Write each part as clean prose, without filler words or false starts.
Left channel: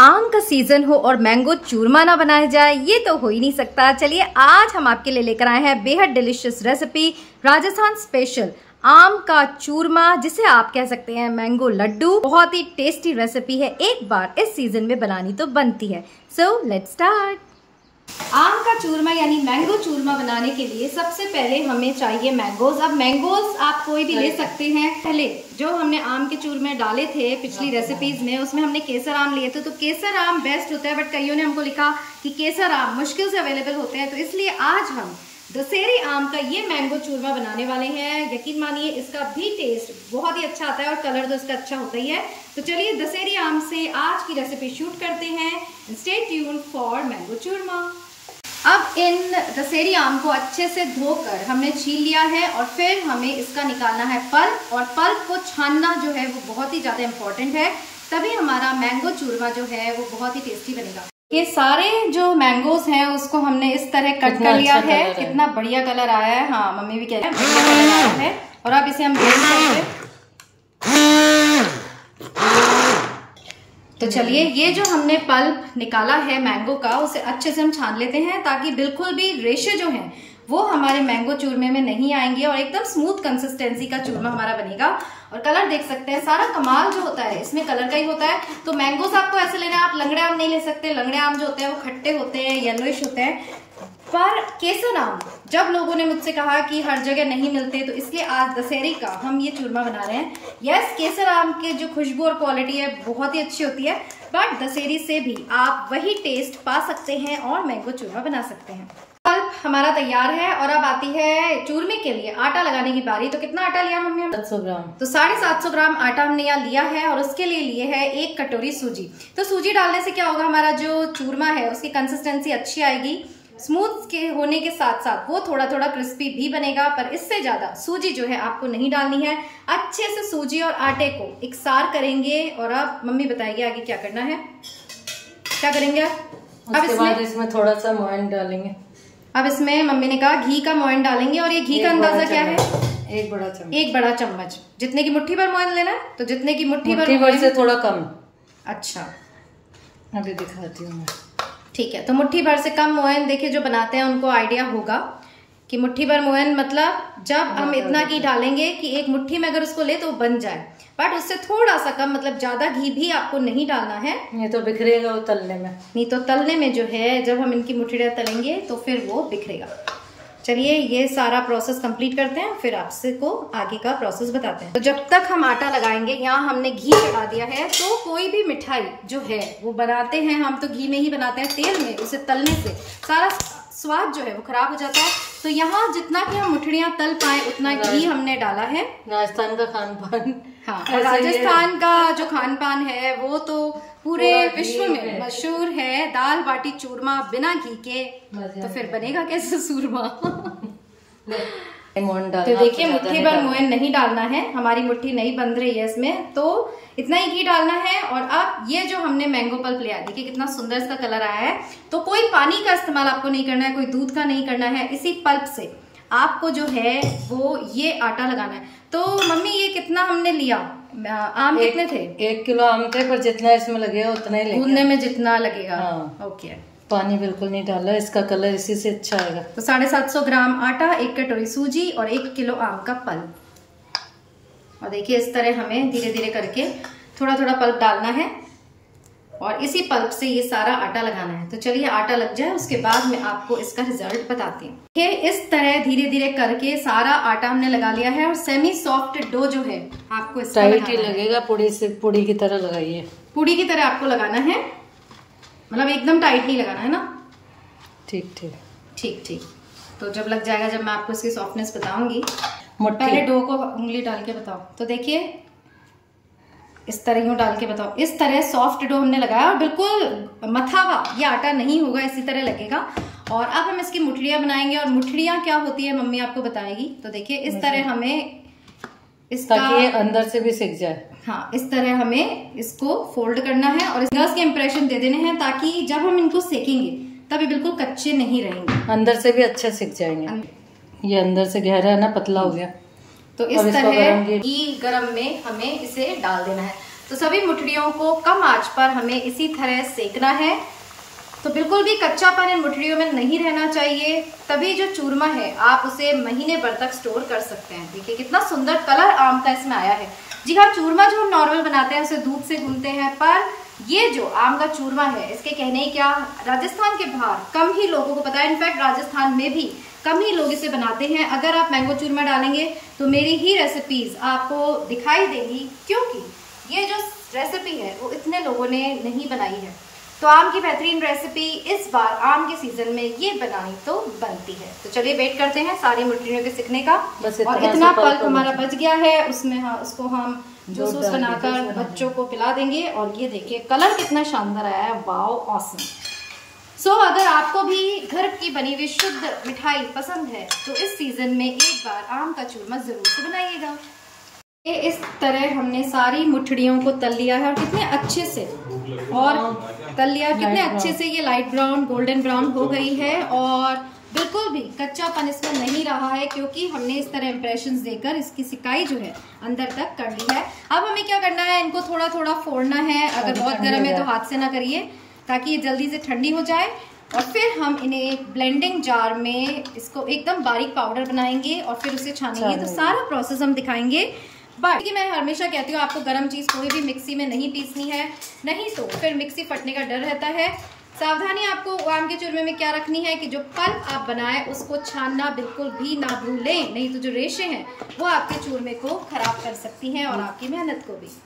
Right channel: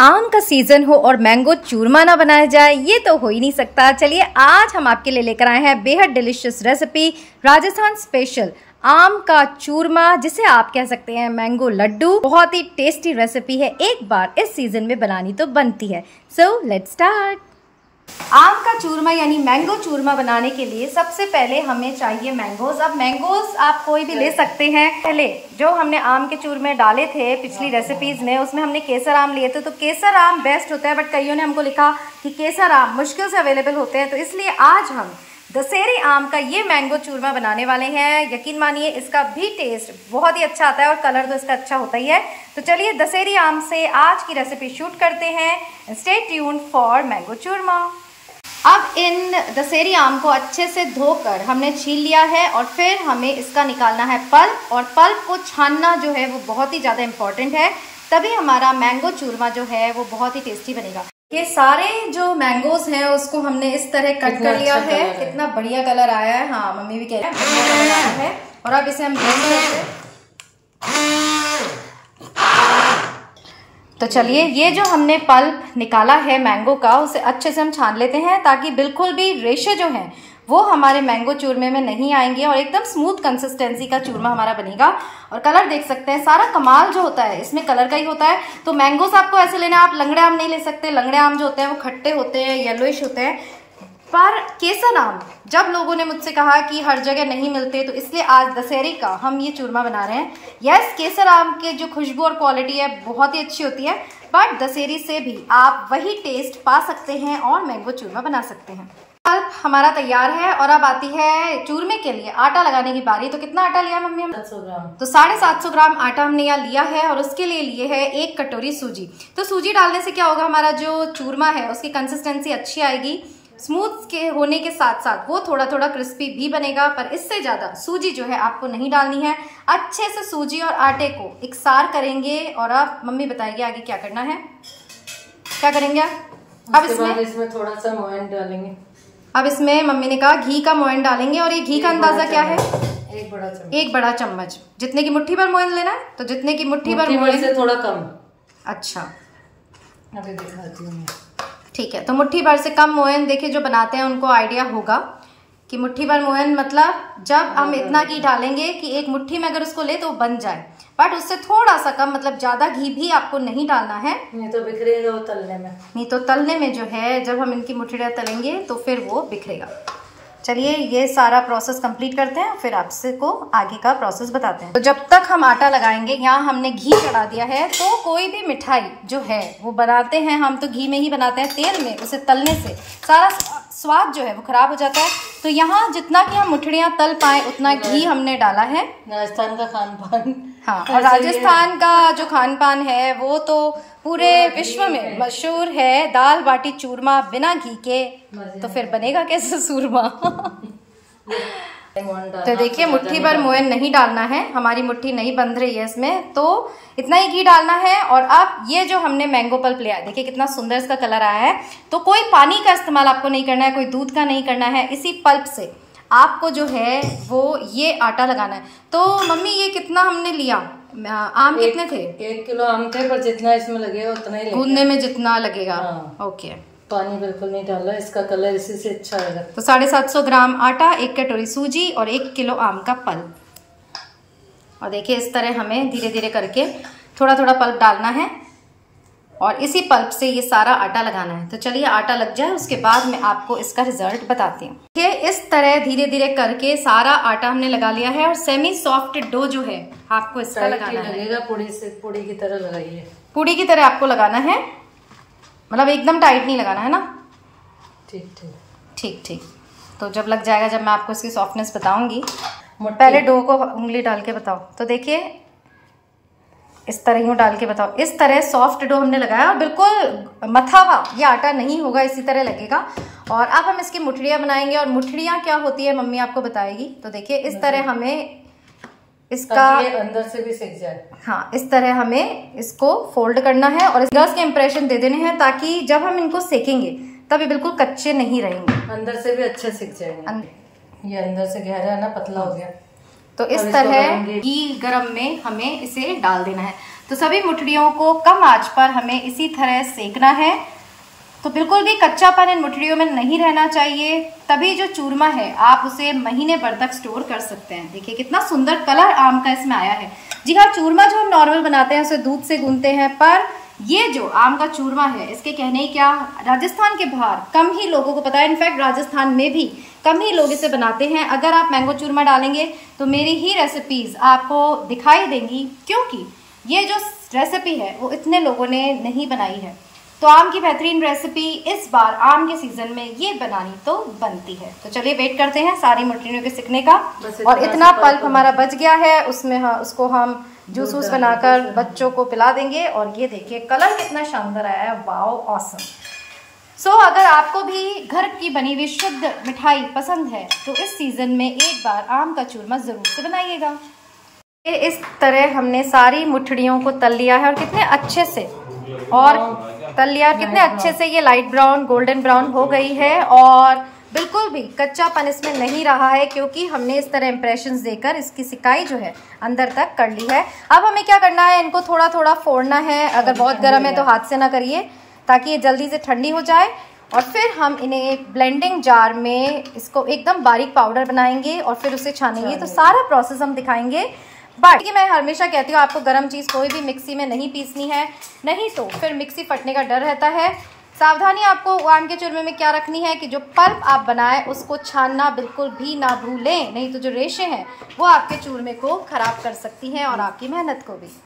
आम का सीजन हो और मैंगो चूरमा ना बनाया जाए, ये तो हो ही नहीं सकता। चलिए आज हम आपके लिए लेकर आए हैं बेहद डिलीशियस रेसिपी, राजस्थान स्पेशल आम का चूरमा, जिसे आप कह सकते हैं मैंगो लड्डू। बहुत ही टेस्टी रेसिपी है, एक बार इस सीजन में बनानी तो बनती है। So let's start. आम का चूरमा यानी मैंगो चूरमा बनाने के लिए सबसे पहले हमें चाहिए मैंगोज। अब मैंगोज आप कोई भी ले सकते हैं। पहले जो हमने आम के चूरमे डाले थे पिछली रेसिपीज में, उसमें हमने केसर आम लिए थे, तो केसर आम बेस्ट होता है, बट कईयों ने हमको लिखा कि केसर आम मुश्किल से अवेलेबल होते हैं, तो इसलिए आज हम दशहरी आम का ये मैंगो चूरमा बनाने वाले हैं। यकीन मानिए इसका भी टेस्ट बहुत ही अच्छा आता है और कलर तो इसका अच्छा होता ही है। तो चलिए दशहरी आम से आज की रेसिपी शूट करते हैं। स्टे ट्यून्ड फॉर मैंगो चूरमा। अब इन दशहरी आम को अच्छे से धोकर हमने छील लिया है और फिर हमें इसका निकालना है पल्प, और पल्प को छानना जो है वो बहुत ही ज़्यादा इम्पॉर्टेंट है, तभी हमारा मैंगो चूरमा जो है वो बहुत ही टेस्टी बनेगा। ये सारे जो मैंगोज हैं उसको हमने इस तरह कट कर लिया है। कितना बढ़िया कलर आया है। हाँ, मम्मी भी कह रही है बढ़िया कलर आया है। और अब इसे हम ब्लेंड करते हैं। तो चलिए ये जो हमने पल्प निकाला है मैंगो का, उसे अच्छे से हम छान लेते हैं, ताकि बिल्कुल भी रेशे जो हैं वो हमारे मैंगो चूरमे में नहीं आएंगे और एकदम स्मूथ कंसिस्टेंसी का चूरमा हमारा बनेगा। और कलर देख सकते हैं, सारा कमाल जो होता है इसमें कलर का ही होता है। तो मैंगोस आपको ऐसे लेना, आप लंगड़े आम नहीं ले सकते। लंगड़े आम जो होते हैं वो खट्टे होते हैं, येलोइश होते हैं। पर केसर आम जब लोगों ने मुझसे कहा कि हर जगह नहीं मिलते, तो इसलिए आज दशहरी का हम ये चूरमा बना रहे हैं। यस, केसर आम के जो खुशबू और क्वालिटी है बहुत ही अच्छी होती है, बट दशहरी से भी आप वही टेस्ट पा सकते हैं और मैंगो चूरमा बना सकते हैं। पल्प हमारा तैयार है और अब आती है चूरमे के लिए आटा लगाने की बारी। तो कितना आटा लिया मम्मी हम? 700 ग्राम। तो 750 ग्राम आटा हमने यहाँ लिया है और उसके लिए लिए है 1 कटोरी सूजी। तो सूजी डालने से क्या होगा, हमारा जो चूरमा है उसकी कंसिस्टेंसी अच्छी आएगी। स्मूथ के होने के साथ साथ वो थोड़ा थोड़ा क्रिस्पी भी बनेगा, पर इससे ज्यादा सूजी जो है आपको नहीं डालनी है। अच्छे से सूजी और आटे को इकसार करेंगे और अब मम्मी बताएगी आगे क्या करना है। क्या करेंगे अब इसमें थोड़ा सा मोयन डालेंगे। अब इसमें मम्मी ने कहा घी का मोयन डालेंगे, और ये घी का अंदाजा क्या है? 1 बड़ा चम्मच। जितने की मुट्ठी भर मोयन लेना है, तो जितने की मुट्ठी भर मोयन से थोड़ा कम। अच्छा, अभी दिखाती हूँ। ठीक है, तो मुट्ठी भर से कम मोयन। देखिए जो बनाते हैं उनको आइडिया होगा कि मुट्ठी भर मोयन मतलब जब हम इतना घी डालेंगे कि एक मुट्ठी में अगर उसको ले तो बन जाए, बट उससे थोड़ा सा कम, मतलब ज्यादा घी भी आपको नहीं डालना है, नहीं तो बिखरेगा वो तलने में। नहीं तो तलने में जो है जब हम इनकी मुट्ठियाँ तलेंगे तो फिर वो बिखरेगा। चलिए ये सारा प्रोसेस कंप्लीट करते हैं, फिर आपसे को आगे का प्रोसेस बताते हैं। तो जब तक हम आटा लगाएंगे, यहाँ हमने घी चढ़ा दिया है। तो कोई भी मिठाई जो है वो बनाते हैं हम तो घी में ही बनाते हैं, तेल में उसे तलने से सारा स्वाद जो है वो खराब हो जाता है। तो यहाँ जितना कि हम मुठड़ियाँ तल पाए उतना घी हमने डाला है। राजस्थान का खान पान, हाँ, और राजस्थान का जो खान पान है वो तो पूरे विश्व में मशहूर है। दाल बाटी चूरमा बिना घी के तो फिर बनेगा कैसे चूरमा। तो देखिए मुट्ठी भर मोयन नहीं डालना है, हमारी मुट्ठी नहीं बंध रही है इसमें, तो इतना ही घी डालना है। और अब ये जो हमने मैंगो पल्प लिया है, देखिए कितना सुंदर इसका कलर आया है। तो कोई पानी का इस्तेमाल आपको नहीं करना है, कोई दूध का नहीं करना है। इसी पल्प से आपको जो है वो ये आटा लगाना है। तो मम्मी ये कितना हमने लिया आम? कितने थे? 1 किलो आम थे, पर जितना इसमें लगेगा उतना ही गूंदने में जितना लगेगा। हाँ। ओके, पानी बिल्कुल नहीं डाला, इसका कलर इसी से अच्छा आएगा। तो 750 ग्राम आटा, 1 कटोरी सूजी और 1 किलो आम का पल्प। और देखिए इस तरह हमें धीरे धीरे करके थोड़ा थोड़ा पल्प डालना है और इसी पल्प से ये सारा आटा लगाना है। तो चलिए आटा लग जाए, उसके बाद मैं आपको इसका रिजल्ट बताती हूँ। ये इस तरह धीरे धीरे करके सारा आटा हमने लगा लिया है और सेमी सॉफ्ट डो जो है आपको इस तरह लगेगा। पूड़ी की तरह लगाइए। पूड़ी की तरह आपको लगाना है, मतलब एकदम टाइट नहीं लगाना है ना। ठीक ठीक ठीक ठीक। तो जब लग जाएगा, जब मैं आपको इसकी सॉफ्टनेस बताऊंगी, पहले डो को उंगली डाल के बताओ। तो देखिए इस तरह यूं डाल के बताओ। इस तरह सॉफ्ट डो हमने लगाया और बिल्कुल मथा हुआ ये आटा नहीं होगा, इसी तरह लगेगा। और अब हम इसकी मुठड़ियाँ बनाएंगे, और मुठड़ियाँ क्या होती है मम्मी आपको बताएगी। तो देखिए इस तरह हमें इसका अंदर से भी सिक जाए। हाँ, इस तरह हमें इसको फोल्ड करना है और गैस के इम्प्रेशन दे देने हैं, ताकि जब हम इनको सेकेंगे तब ये बिल्कुल कच्चे नहीं रहेंगे, अंदर से भी अच्छा सिक जाएंगे। ये अंदर से गहरा है ना, पतला हो गया। तो इस तरह घी गरम में हमें इसे डाल देना है। तो सभी मुठड़ियों को कम आंच पर हमें इसी तरह सेकना है। तो बिल्कुल भी कच्चापन इन मुठड़ियों में नहीं रहना चाहिए, तभी जो चूरमा है आप उसे महीने भर तक स्टोर कर सकते हैं। देखिए कितना सुंदर कलर आम का इसमें आया है। जी हाँ, चूरमा जो हम नॉर्मल बनाते हैं उसे दूध से गूंथते हैं, पर ये जो आम का चूरमा है इसके कहने क्या, राजस्थान के बाहर कम ही लोगों को पता है। इनफैक्ट राजस्थान में भी कम ही लोग इसे बनाते हैं। अगर आप मैंगो चूरमा डालेंगे तो मेरी ही रेसिपीज आपको दिखाई देंगी, क्योंकि ये जो रेसिपी है वो इतने लोगों ने नहीं बनाई है। तो आम की बेहतरीन रेसिपी इस बार आम के सीजन में ये बनानी तो बनती है। तो चलिए वेट करते हैं सारी मुठड़ियों के सिकने का। और इतना पल्प हमारा बच गया है, उसमें उसको हम जूस वूस बनाकर बच्चों को पिला देंगे। और ये देखिए कलर कितना शानदार आया है, वाओ ऑसम। सो अगर आपको भी घर की बनी हुई शुद्ध मिठाई पसंद है तो इस सीजन में एक बार आम का चूरमा जरूर से बनाइएगा। इस तरह हमने सारी मुठड़ियों को तल लिया है और कितने अच्छे से तल लिया, कितने अच्छे से ये लाइट ब्राउन गोल्डन ब्राउन हो गई है और बिल्कुल भी कच्चापन इसमें नहीं रहा है, क्योंकि हमने इस तरह इंप्रेशंस देकर इसकी सिकाई जो है अंदर तक कर ली है। अब हमें क्या करना है, इनको थोड़ा थोड़ा फोड़ना है। अगर बहुत गर्म है तो हाथ से ना करिए, ताकि ये जल्दी से ठंडी हो जाए। और फिर हम इन्हें एक ब्लेंडिंग जार में इसको एकदम बारीक पाउडर बनाएंगे और फिर उसे छानेंगे। तो सारा प्रोसेस हम दिखाएंगे। बट मैं हमेशा कहती हूँ आपको गर्म चीज़ कोई भी मिक्सी में नहीं पीसनी है, नहीं तो फिर मिक्सी फटने का डर रहता है। सावधानी आपको आम के चूरमे में क्या रखनी है कि जो पल्प आप बनाए उसको छानना बिल्कुल भी ना भूलें, नहीं तो जो रेशे हैं वो आपके चूरमे को खराब कर सकती हैं और आपकी मेहनत को भी।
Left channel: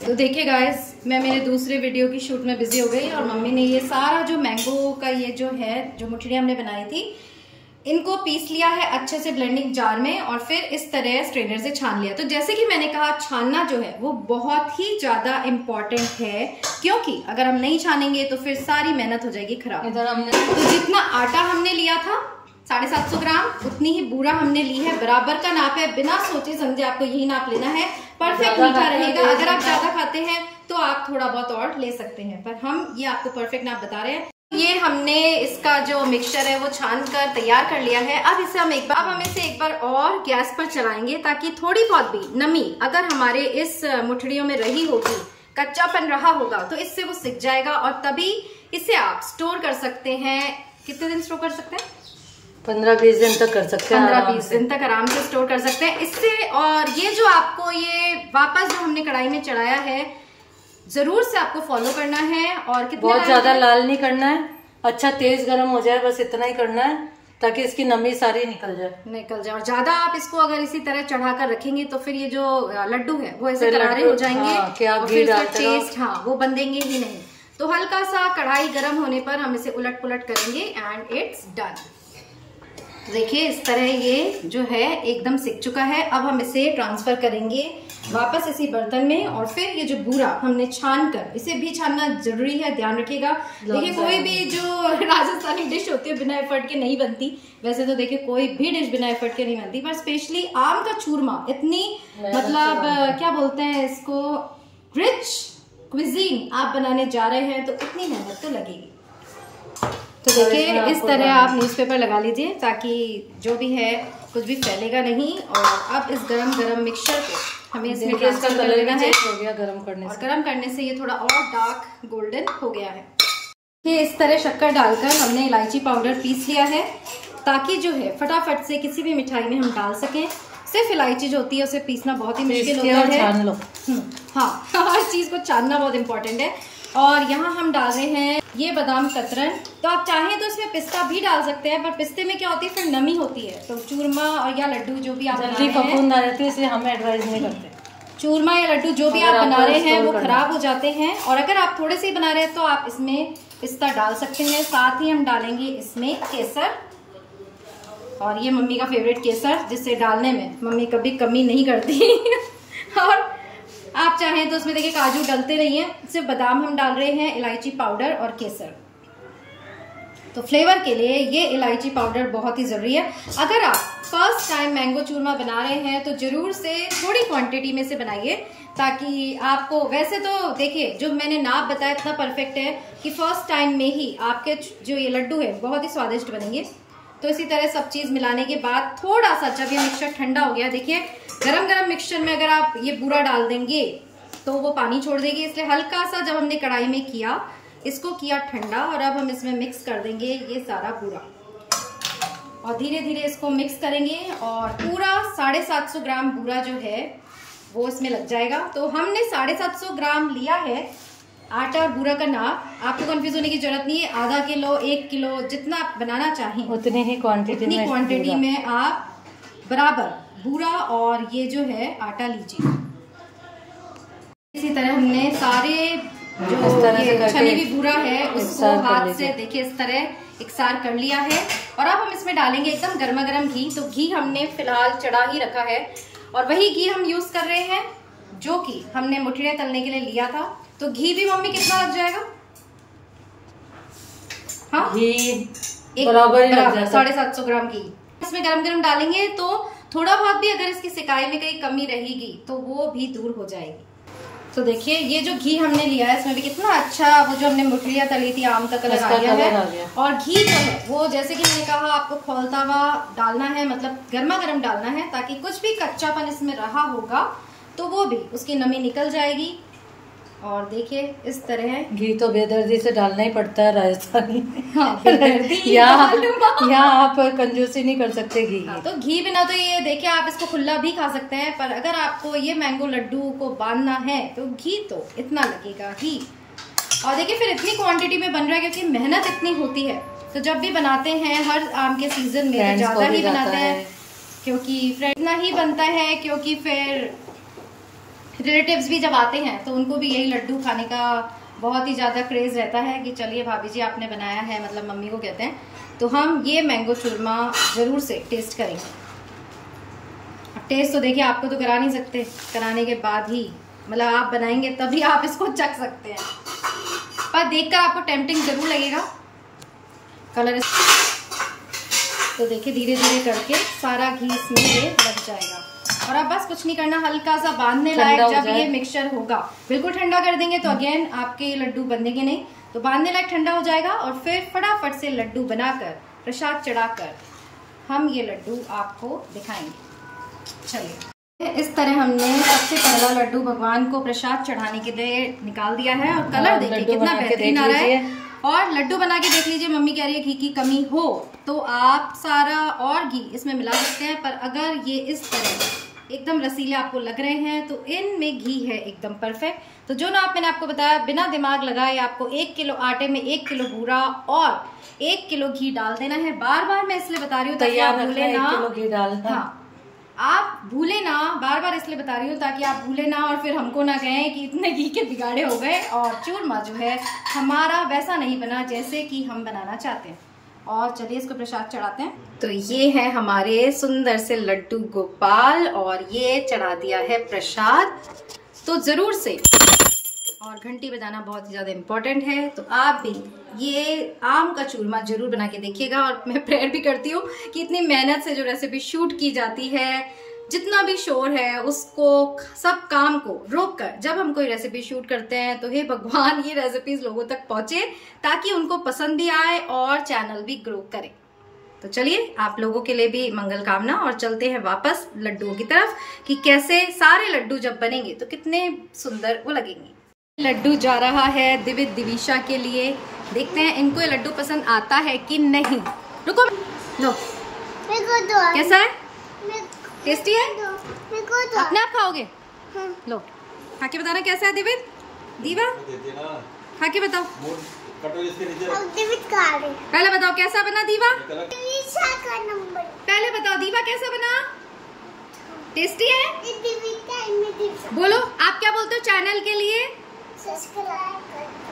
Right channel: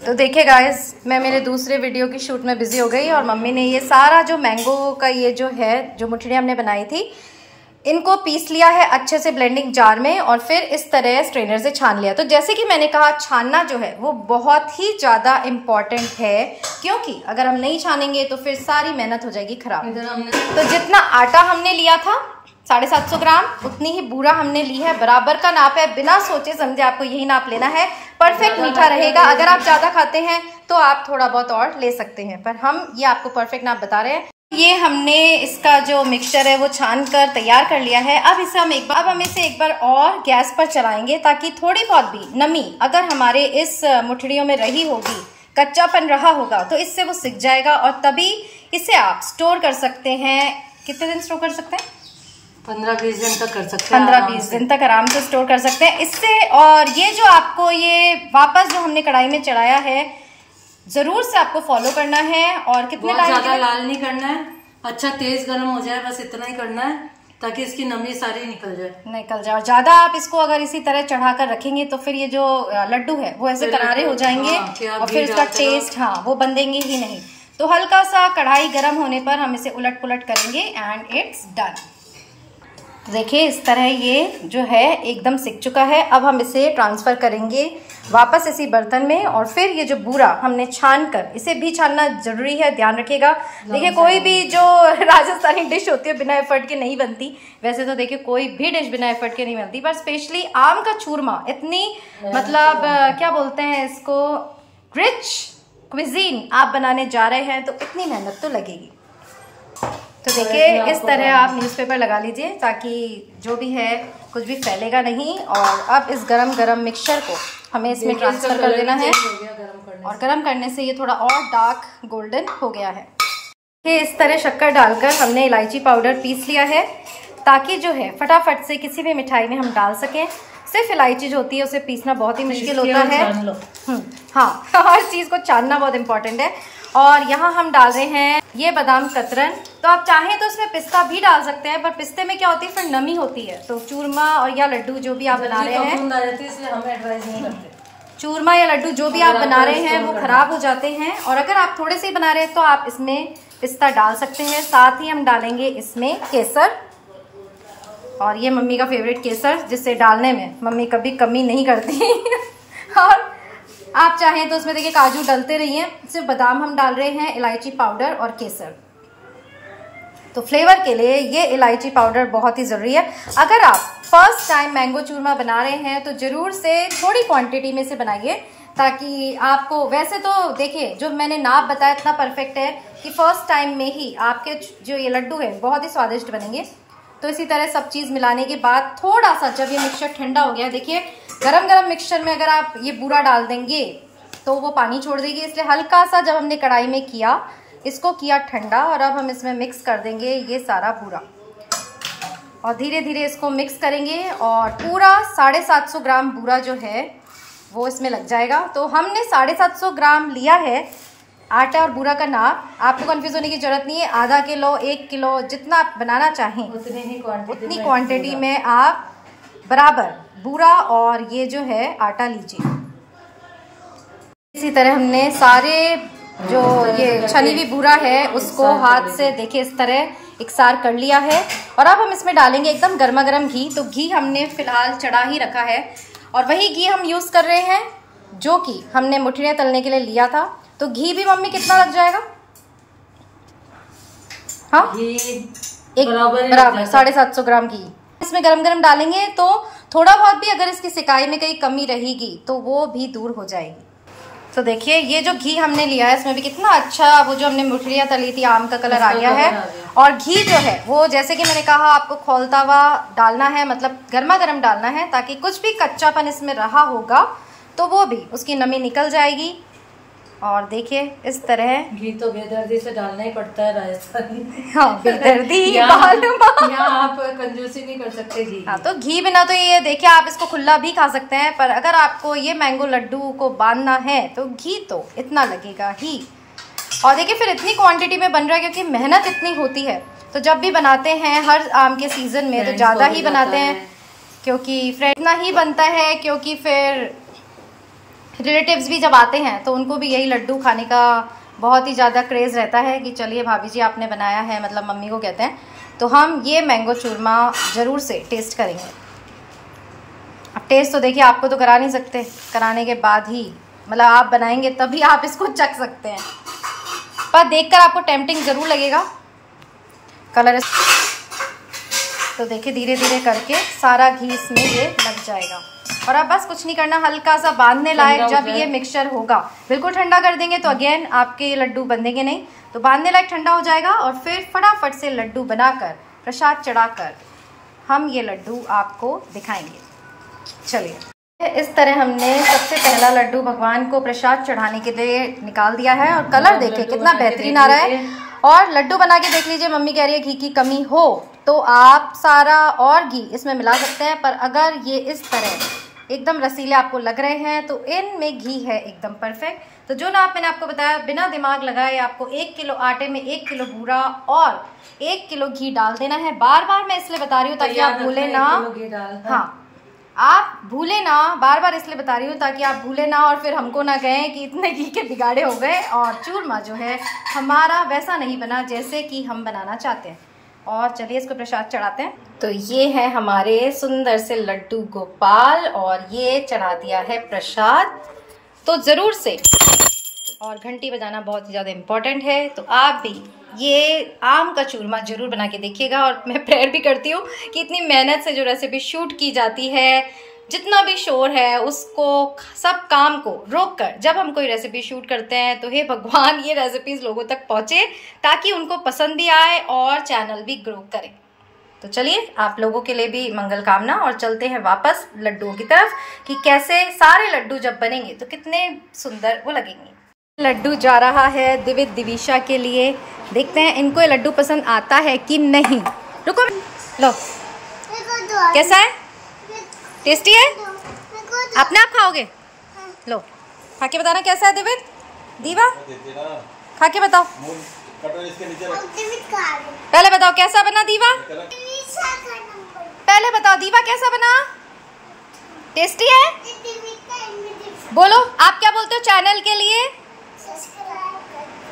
तो देखिए गाइस, मैं मेरे दूसरे वीडियो की शूट में बिजी हो गई और मम्मी ने ये सारा जो मैंगो का ये जो है जो मुठड़ियाँ हमने बनाई थी इनको पीस लिया है अच्छे से ब्लेंडिंग जार में और फिर इस तरह स्ट्रेनर से छान लिया। तो जैसे कि मैंने कहा, छानना जो है वो बहुत ही ज़्यादा इम्पॉर्टेंट है, क्योंकि अगर हम नहीं छानेंगे तो फिर सारी मेहनत हो जाएगी खराब। तो जितना आटा हमने लिया था 750 ग्राम, उतनी ही बूरा हमने ली है। बराबर का नाप है, बिना सोचे समझे आपको यही नाप लेना है। परफेक्ट मीठा रहेगा। अगर आप ज़्यादा खाते हैं तो आप थोड़ा बहुत और ले सकते हैं, पर हम ये आपको परफेक्ट नाप बता रहे हैं। ये हमने इसका जो मिक्सचर है वो छान कर तैयार कर लिया है। अब इसे हम इसे एक बार और गैस पर चलाएंगे, ताकि थोड़ी बहुत भी नमी अगर हमारे इस मुठड़ियों में रही होगी, कच्चापन रहा होगा, तो इससे वो सिक जाएगा और तभी इसे आप स्टोर कर सकते हैं। कितने दिन स्टोर कर सकते हैं? 15-20 दिन तक कर सकते हैं। 15-20 दिन तक आराम से स्टोर कर सकते हैं इससे। और ये जो आपको ये वापस जो हमने कढ़ाई में चढ़ाया है, जरूर से आपको फॉलो करना है। और कितने ज्यादा लाल नहीं करना है, अच्छा तेज गर्म हो जाए, बस इतना ही करना है ताकि इसकी नमी सारी निकल जाए। और ज्यादा आप इसको अगर इसी तरह चढ़ा कर रखेंगे तो फिर ये जो लड्डू है वो ऐसे करारे हो जाएंगे और फिर इसका टेस्ट वो बंधेंगे ही नहीं। तो हल्का सा कढ़ाई गर्म होने पर हम इसे उलट पुलट करेंगे एंड इट्स डन। देखिए इस तरह ये जो है एकदम सिक चुका है। अब हम इसे ट्रांसफर करेंगे वापस इसी बर्तन में और फिर ये जो बूरा हमने छान कर, इसे भी छानना जरूरी है, ध्यान रखिएगा। देखिए कोई भी जो राजस्थानी डिश होती है बिना एफर्ट के नहीं बनती। वैसे तो देखिए कोई भी डिश बिना एफर्ट के नहीं बनती, पर स्पेशली आम का चूरमा इतनी मतलब क्या बोलते हैं इसको, रिच क्विजीन आप बनाने जा रहे हैं तो इतनी मेहनत तो लगेगी। तो देखिए इस तरह आप न्यूज़पेपर लगा लीजिए ताकि जो भी है कुछ भी फैलेगा नहीं। और अब इस गरम मिक्सचर को हमें इसमें ट्रांसफर कर देना है और गरम करने से ये थोड़ा और डार्क गोल्डन हो गया है। ये इस तरह शक्कर डालकर हमने इलायची पाउडर पीस लिया है, ताकि जो है फटाफट से किसी भी मिठाई में हम डाल सकें। सिर्फ इलायची जो होती है उसे पीसना बहुत ही मुश्किल होता है। हाँ, हर चीज़ को छानना बहुत इंपॉर्टेंट है। और यहाँ हम डाल रहे हैं ये बादाम कतरन। तो आप चाहें तो इसमें पिस्ता भी डाल सकते हैं, पर पिस्ते में क्या होती है फिर नमी होती है, तो चूरमा और या लड्डू जो भी आप बना रहे हैं, हम एडवाइस नहीं करते। चूरमा या लड्डू जो भी आप बना रहे हैं वो खराब हो जाते हैं। और अगर आप थोड़े से बना रहे हैं तो आप इसमें पिस्ता डाल सकते हैं। साथ ही हम डालेंगे इसमें केसर, और ये मम्मी का फेवरेट केसर, जिससे डालने में मम्मी कभी कमी नहीं करती। और आप चाहें तो उसमें देखिए काजू डालते रहिए। सिर्फ बादाम हम डाल रहे हैं, इलायची पाउडर और केसर। तो फ्लेवर के लिए ये इलायची पाउडर बहुत ही ज़रूरी है। अगर आप फर्स्ट टाइम मैंगो चूरमा बना रहे हैं तो ज़रूर से थोड़ी क्वांटिटी में से बनाइए, ताकि आपको, वैसे तो देखिए जो मैंने नाप बताया इतना परफेक्ट है कि फर्स्ट टाइम में ही आपके जो ये लड्डू है बहुत ही स्वादिष्ट बनेंगे। तो इसी तरह सब चीज़ मिलाने के बाद थोड़ा सा जब ये मिक्सचर ठंडा हो गया, देखिए गरम मिक्सचर में अगर आप ये बूरा डाल देंगे तो वो पानी छोड़ देगी, इसलिए हल्का सा जब हमने कढ़ाई में किया, इसको किया ठंडा, और अब हम इसमें मिक्स कर देंगे ये सारा बूरा, और धीरे धीरे इसको मिक्स करेंगे और पूरा 750 ग्राम बूरा जो है वो इसमें लग जाएगा। तो हमने 750 ग्राम लिया है आटा और बूरा का नाप। आपको कंफ्यूज होने की जरूरत नहीं है, आधा किलो 1 किलो जितना आप बनाना चाहें उतनी क्वांटिटी में आप बराबर बूरा और ये जो है आटा लीजिए। इसी तरह हमने सारे जो ये छनी हुई बूरा है उसको हाथ से देखिए इस तरह इकसार कर लिया है। और अब हम इसमें डालेंगे एकदम गर्मा गर्म घी। तो घी हमने फिलहाल चढ़ा ही रखा है और वही घी हम यूज कर रहे हैं जो कि हमने मुठियाँ तलने के लिए लिया था। तो घी भी मम्मी कितना लग जाएगा? हाँ, घी एक बराबर 750 ग्राम घी इसमें गरम गरम डालेंगे। तो थोड़ा बहुत भी अगर इसकी सिकाई में कहीं कमी रहेगी तो वो भी दूर हो जाएगी। तो देखिए ये जो घी हमने लिया है इसमें भी कितना अच्छा वो जो हमने मुठियाँ तली थी आम का कलर आ गया है। और घी जो है वो जैसे कि मैंने कहा आपको खौलता हुआ डालना है, मतलब गर्मा गर्म डालना है, ताकि कुछ भी कच्चापन इसमें रहा होगा तो वो भी उसकी नमी निकल जाएगी। और देखिए इस तरह घी तो बेदर्दी से डालना ही पड़ता है राजस्थानी। हाँ, बेदर्दी यहाँ आप कंजूसी नहीं कर सकते घी। हाँ, तो घी बिना तो ये देखिए आप इसको खुला भी खा सकते हैं, पर अगर आपको ये मैंगो लड्डू को बांधना है तो घी तो इतना लगेगा ही। और देखिए फिर इतनी क्वांटिटी में बन रहा है क्योंकि मेहनत इतनी होती है। तो जब भी बनाते हैं हर आम के सीजन में तो ज्यादा ही बनाते हैं क्योंकि फ्रेंड इतना ही बनता है, क्योंकि फिर रिलेटिव्स भी जब आते हैं तो उनको भी यही लड्डू खाने का बहुत ही ज़्यादा क्रेज़ रहता है कि चलिए भाभी जी आपने बनाया है, मतलब मम्मी को कहते हैं। तो हम ये मैंगो चूरमा ज़रूर से टेस्ट करेंगे। अब टेस्ट तो देखिए आपको तो करा नहीं सकते, कराने के बाद ही मतलब आप बनाएंगे तभी आप इसको चख सकते हैं, पर देखकर आपको टेम्पटिंग ज़रूर लगेगा। कलर तो देखिए धीरे धीरे करके सारा घी इसमें ये लग जाएगा। और अब बस कुछ नहीं करना, हल्का सा बांधने लायक जब ये मिक्सचर होगा, बिल्कुल ठंडा कर देंगे तो अगेन आपके लड्डू बंधेंगे नहीं। तो बांधने लायक ठंडा हो जाएगा और फिर फटाफट से लड्डू बनाकर प्रसाद चढ़ाकर हम ये लड्डू आपको दिखाएंगे। चलिए इस तरह हमने सबसे पहला लड्डू भगवान को प्रसाद चढ़ाने के लिए निकाल दिया है। और कलर देखिए कितना बेहतरीन आ रहा है। और लड्डू बना के देख लीजिए, मम्मी कह रही है घी की कमी हो तो आप सारा और घी इसमें मिला सकते हैं, पर अगर ये इस तरह एकदम रसीले आपको लग रहे हैं तो इनमें घी है एकदम परफेक्ट। तो जो नाप मैंने आपको बताया बिना दिमाग लगाए आपको 1 किलो आटे में 1 किलो बूरा और 1 किलो घी डाल देना है। बार बार मैं इसलिए बता रही हूँ ताकि आप भूले ना। हाँ, आप भूले ना, बार बार इसलिए बता रही हूँ ताकि आप भूले ना और फिर हमको ना कहें कि इतने घी के बिगाड़े हो गए और चूरमा जो है हमारा वैसा नहीं बना जैसे कि हम बनाना चाहते हैं। और चलिए इसको प्रसाद चढ़ाते हैं। तो ये है हमारे सुंदर से लड्डू गोपाल और ये चढ़ा दिया है प्रसाद। तो जरूर से, और घंटी बजाना बहुत ही ज़्यादा इम्पोर्टेंट है, तो आप भी ये आम का चूरमा जरूर बना के देखिएगा। और मैं प्रेयर भी करती हूँ कि इतनी मेहनत से जो रेसिपी शूट की जाती है, जितना भी शोर है उसको, सब काम को रोक कर जब हम कोई रेसिपी शूट करते हैं तो हे भगवान ये रेसिपीज लोगों तक पहुँचे ताकि उनको पसंद भी आए और चैनल भी ग्रो करे। तो चलिए आप लोगों के लिए भी मंगल कामना। और चलते हैं वापस लड्डुओं की तरफ कि कैसे सारे लड्डू जब बनेंगे तो कितने सुंदर वो लगेंगे। लड्डू जा रहा है दिवित दिविशा के लिए, देखते हैं इनको ये लड्डू पसंद आता है कि नहीं। रुको, लो कैसा है, टेस्टी है, अपने आप खाओगे? लो खा के बताना कैसा है दिवित। दीवा खा के बताओ, पहले बताओ कैसा बना दीवा, पहले बताओ दीवा कैसा बना, टेस्टी है? बोलो आप क्या बोलते हो चैनल के लिए?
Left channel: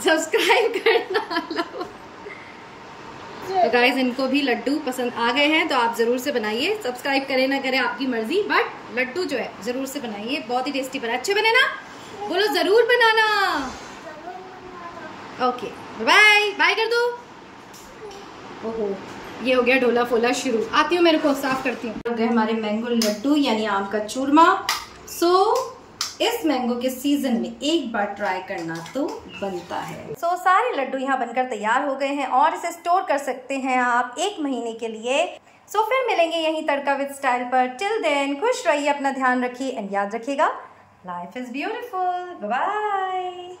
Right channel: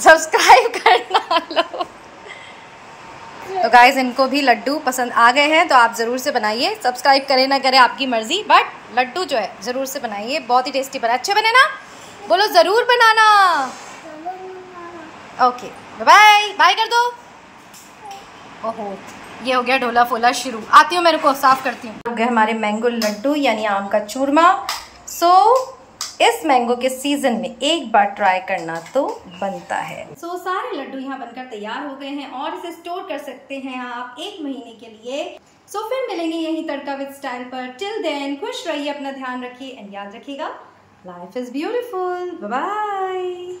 सब्सक्राइब करना। लो तो गाइज इनको भी लड्डू पसंद आ गए हैं तो आप ज़रूर से बनाइए, सब्सक्राइब करें ना करें आपकी मर्जी, बट लड्डू जो है ज़रूर से बनाइए, बहुत ही टेस्टी बना। अच्छे बने ना? बोलो ज़रूर बनाना। ओके बाय बाय कर दो। ओहो ये हो गया ढोला फोला शुरू। आती हूँ, मेरे को साफ करती हूँ। हो गए हमारे मैंगो लड्डू यानी आम का चूरमा। सो इस मैंगो के सीजन में एक बार ट्राई करना तो बनता है। सो सारे लड्डू यहाँ बनकर तैयार हो गए हैं और इसे स्टोर कर सकते हैं आप 1 महीने के लिए। सो फिर मिलेंगे यहीं तड़का विद स्टाइल पर। टिल देन खुश रहिए, अपना ध्यान रखिए एंड याद रखिएगा life is beautiful. Bye bye.